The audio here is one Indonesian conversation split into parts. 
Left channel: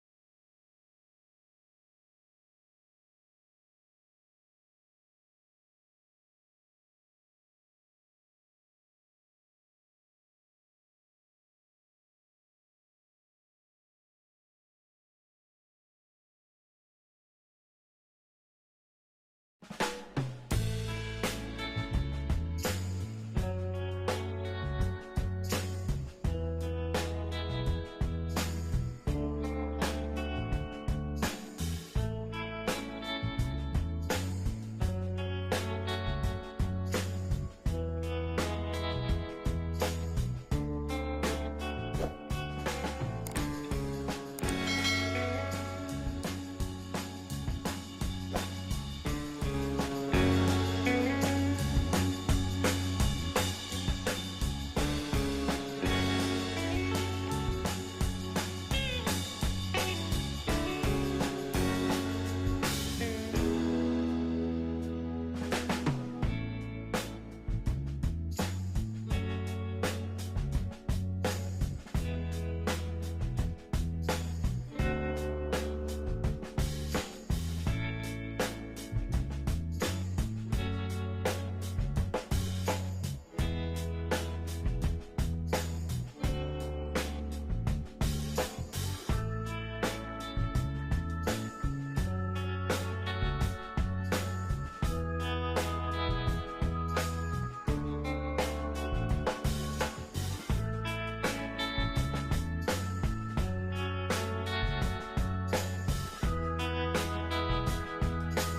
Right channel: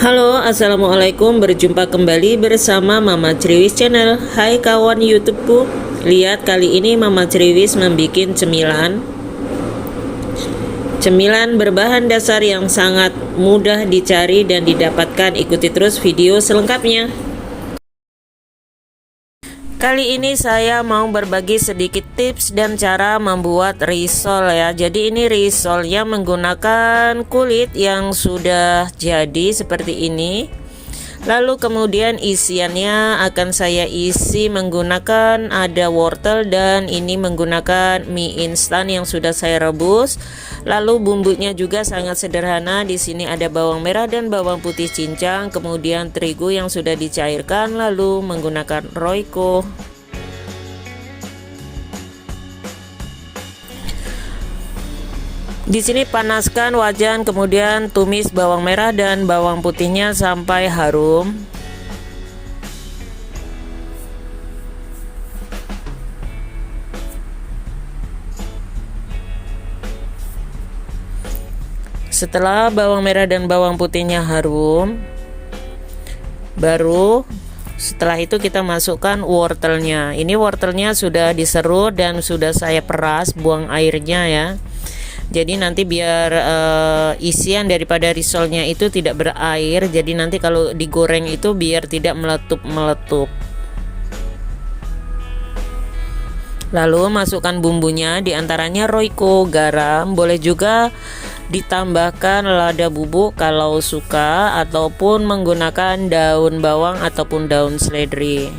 Halo, assalamualaikum. Berjumpa kembali bersama Mama Criwis Channel. Hai kawan YouTubeku. Lihat, kali ini Mama Criwis membuat cemilan berbahan dasar yang sangat mudah dicari dan didapatkan. Ikuti terus video selengkapnya. Kali ini saya mau berbagi sedikit tips dan cara membuat risol ya. Jadi ini risolnya menggunakan kulit yang sudah jadi seperti ini. Lalu kemudian isiannya akan saya isi menggunakan ada wortel dan ini menggunakan mie instan yang sudah saya rebus. Lalu bumbunya juga sangat sederhana. Di sini ada bawang merah dan bawang putih cincang, kemudian terigu yang sudah dicairkan, lalu menggunakan Royco. Di sini panaskan wajan, kemudian tumis bawang merah dan bawang putihnya sampai harum. Setelah bawang merah dan bawang putihnya harum, baru setelah itu kita masukkan wortelnya. Ini wortelnya sudah diserut dan sudah saya peras, buang airnya ya. Jadi nanti biar isian daripada risolnya itu tidak berair. Jadi nanti kalau digoreng itu biar tidak meletup-meletup. Lalu masukkan bumbunya, diantaranya Royco, garam, boleh juga ditambahkan lada bubuk kalau suka, ataupun menggunakan daun bawang ataupun daun seledri.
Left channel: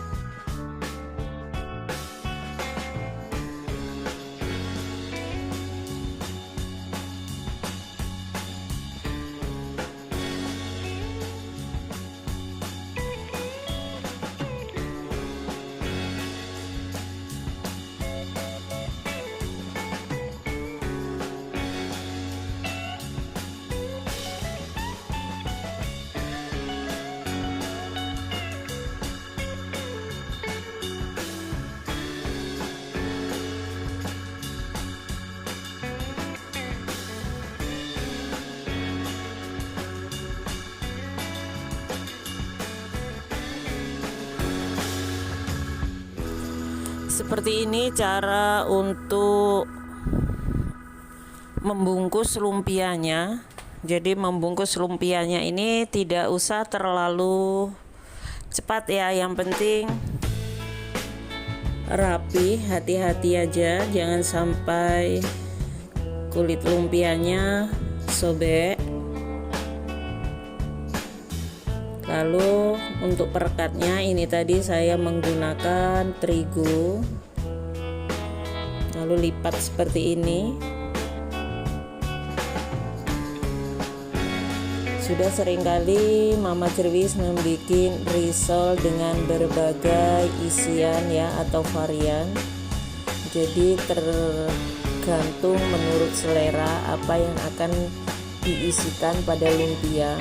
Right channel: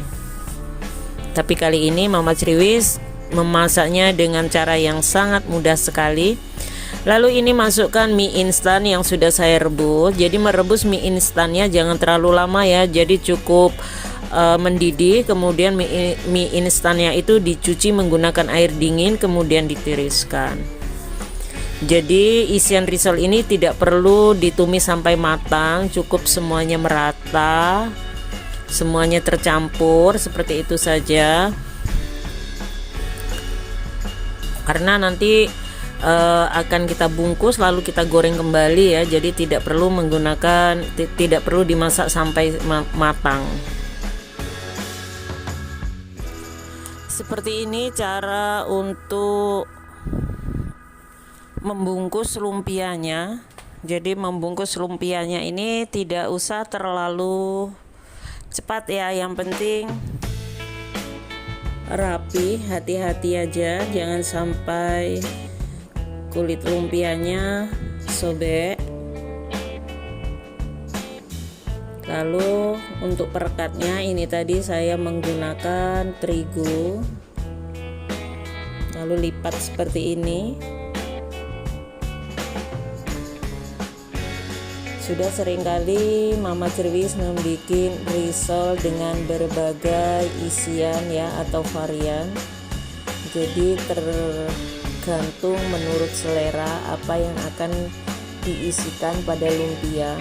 Tapi kali ini Mama Criwis memasaknya dengan cara yang sangat mudah sekali. Lalu ini masukkan mie instan yang sudah saya rebus. Jadi merebus mie instannya jangan terlalu lama ya. Jadi cukup mendidih. Kemudian mie instannya itu dicuci menggunakan air dingin, kemudian ditiriskan. Jadi isian risol ini tidak perlu ditumis sampai matang, cukup semuanya merata, semuanya tercampur seperti itu saja. Karena nanti akan kita bungkus lalu kita goreng kembali ya. Jadi tidak perlu dimasak sampai matang. Seperti ini cara untuk membungkus lumpianya. Jadi membungkus lumpianya ini tidak usah terlalu cepat ya, yang penting rapi, hati-hati aja, jangan sampai kulit lumpianya sobek. Lalu untuk perekatnya ini tadi saya menggunakan terigu, lalu lipat seperti ini. Sudah seringkali Mama Criwis membuat risol dengan berbagai isian ya atau varian. Jadi tergantung menurut selera apa yang akan diisikan pada lumpia.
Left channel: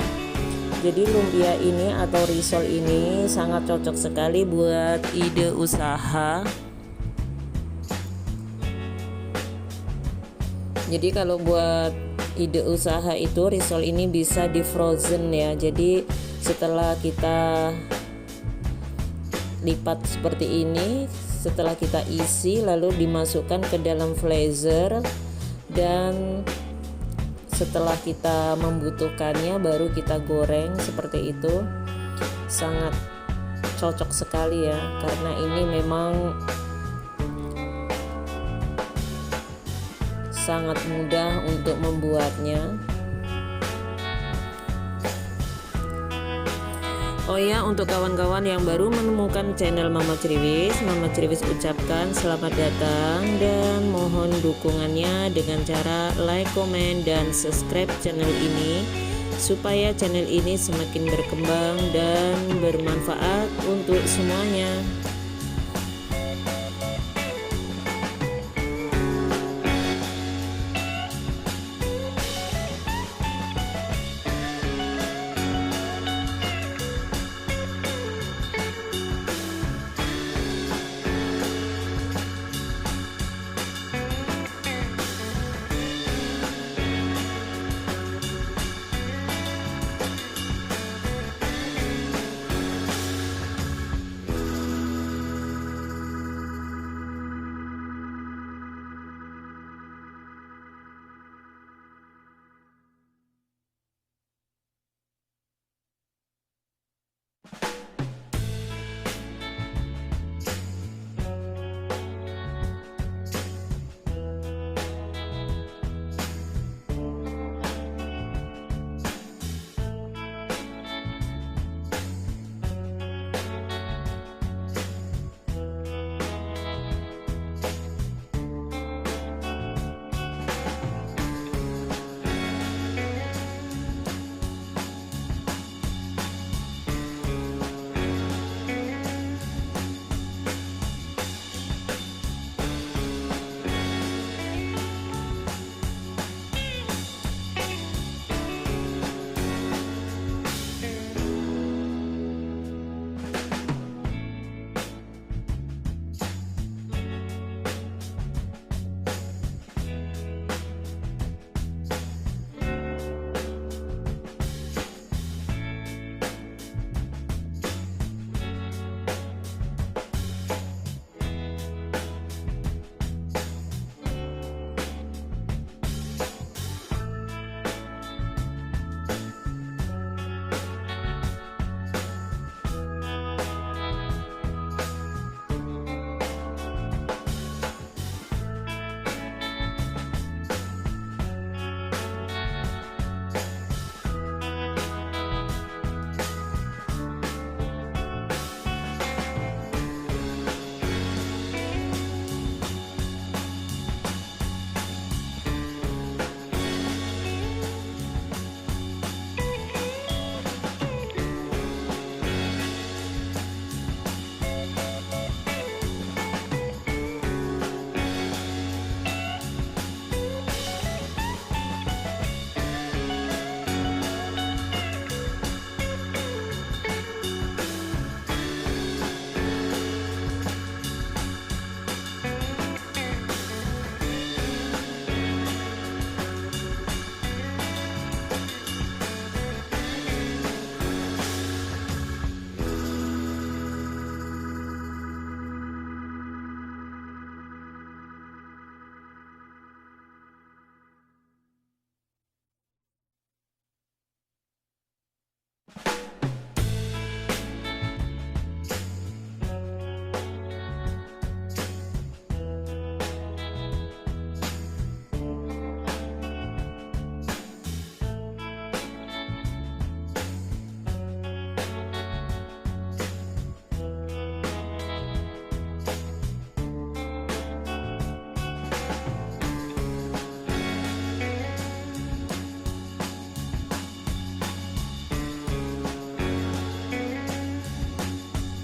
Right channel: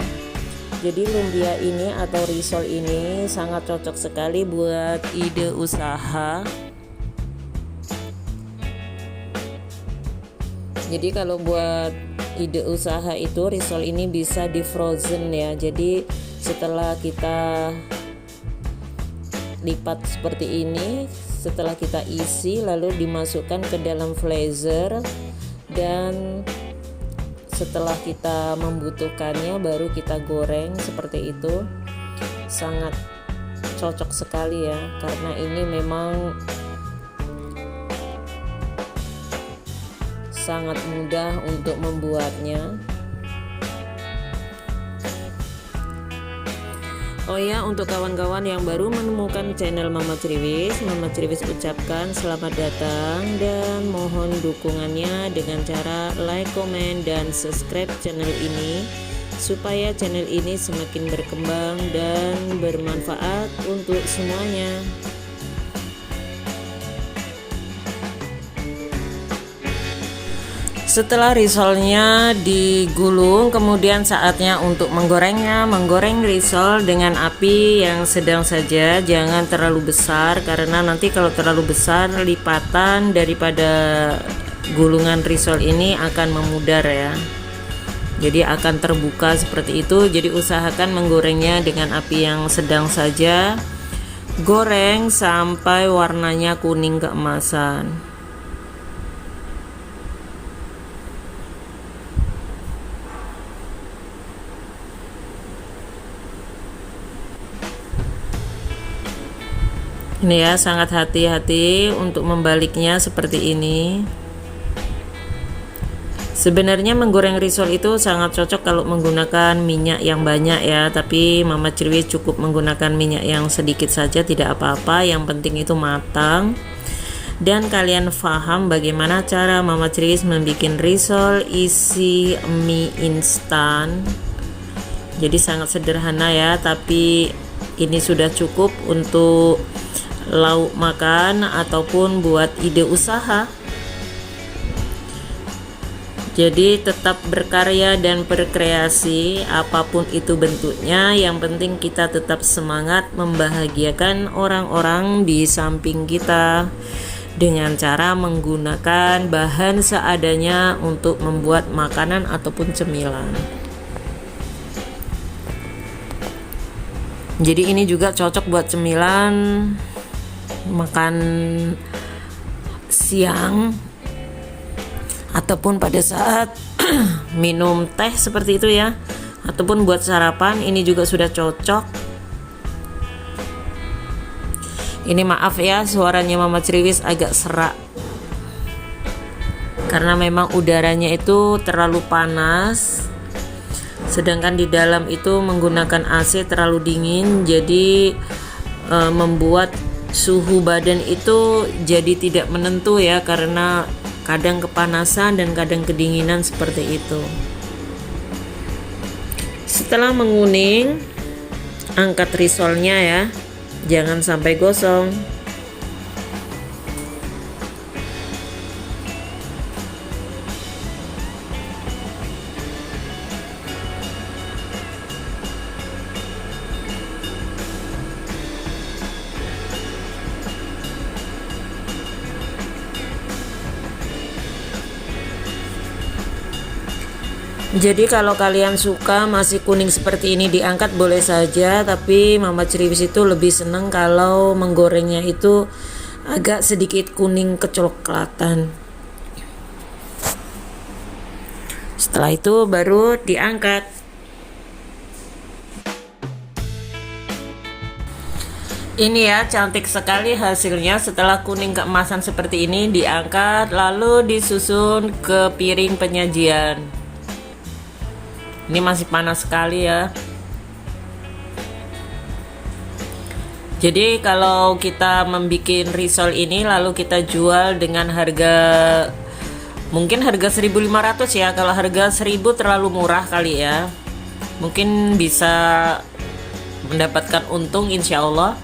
Jadi lumpia ini atau risol ini sangat cocok sekali buat ide usaha. Jadi kalau buat ide usaha itu risol ini bisa di frozen ya. Jadi setelah kita lipat seperti ini, setelah kita isi lalu dimasukkan ke dalam freezer, dan setelah kita membutuhkannya baru kita goreng seperti itu. Sangat cocok sekali ya, karena ini memang sangat mudah untuk membuatnya. Oh ya, untuk kawan-kawan yang baru menemukan channel Mama Criwis ucapkan selamat datang dan mohon dukungannya dengan cara like, komen, dan subscribe channel ini supaya channel ini semakin berkembang dan bermanfaat untuk semuanya. Setelah risolnya digulung, kemudian saatnya untuk menggorengnya. Menggoreng risol dengan api yang sedang saja, jangan terlalu besar, karena nanti kalau terlalu besar lipatan daripada gulungan risol ini akan memudar ya. jadi akan terbuka seperti itu. Jadi usahakan menggorengnya dengan api yang sedang saja. Goreng sampai warnanya kuning keemasan. Ini ya, sangat hati-hati untuk membaliknya seperti ini. Sebenarnya menggoreng risol itu sangat cocok kalau menggunakan minyak yang banyak ya, tapi Mama Cirwis cukup menggunakan minyak yang sedikit saja, tidak apa-apa, yang penting itu matang. Dan kalian paham bagaimana cara Mama Cirwis membuat risol isi mie instan. Jadi sangat sederhana ya, tapi ini sudah cukup untuk lauk makan ataupun buat ide usaha. Jadi tetap berkarya dan berkreasi apapun itu bentuknya, yang penting kita tetap semangat membahagiakan orang-orang di samping kita dengan cara menggunakan bahan seadanya untuk membuat makanan ataupun cemilan. Jadi ini juga cocok buat cemilan makan siang ataupun pada saat minum teh seperti itu ya, ataupun buat sarapan ini juga sudah cocok. Ini maaf ya, suaranya Mama Cirwis agak serak karena memang udaranya itu terlalu panas, sedangkan di dalam itu menggunakan AC terlalu dingin, jadi membuat suhu badan itu jadi tidak menentu ya, karena kadang kepanasan dan kadang kedinginan seperti itu. Setelah menguning, angkat risolnya ya, jangan sampai gosong. Jadi kalau kalian suka masih kuning seperti ini diangkat boleh saja, tapi Mama Cirwis itu lebih seneng kalau menggorengnya itu agak sedikit kuning kecoklatan. Setelah itu baru diangkat. Ini ya, cantik sekali hasilnya. Setelah kuning keemasan seperti ini diangkat, lalu disusun ke piring penyajian. Ini masih panas sekali ya. Jadi kalau kita membuat risol ini lalu kita jual dengan harga mungkin harga 1.500 ya. Kalau harga 1.000 terlalu murah kali ya. Mungkin bisa mendapatkan untung insya Allah.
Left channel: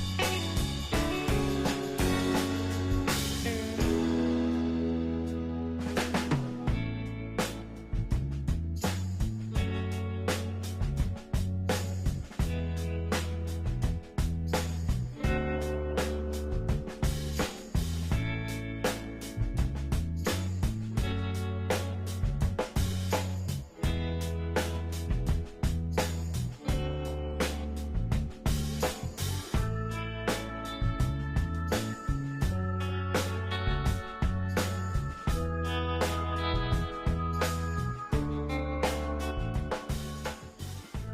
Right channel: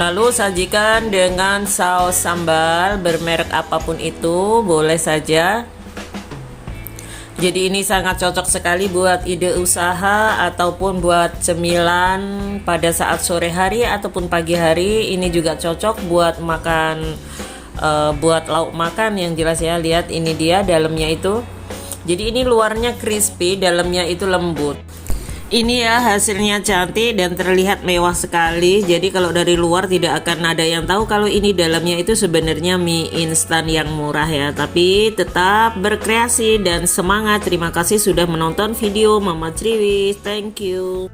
Lalu sajikan dengan saus sambal bermerek apapun itu, boleh saja. Jadi ini sangat cocok sekali buat ide usaha ataupun buat cemilan pada saat sore hari ataupun pagi hari. Ini juga cocok buat makan, buat lauk makan yang jelas ya. Lihat ini dia dalamnya itu. Jadi ini luarnya crispy, dalamnya itu lembut. Ini ya hasilnya cantik dan terlihat mewah sekali. Jadi kalau dari luar tidak akan ada yang tahu kalau ini dalamnya itu sebenarnya mie instan yang murah ya. Tapi tetap berkreasi dan semangat. Terima kasih sudah menonton video Mama Cirwis. Thank you.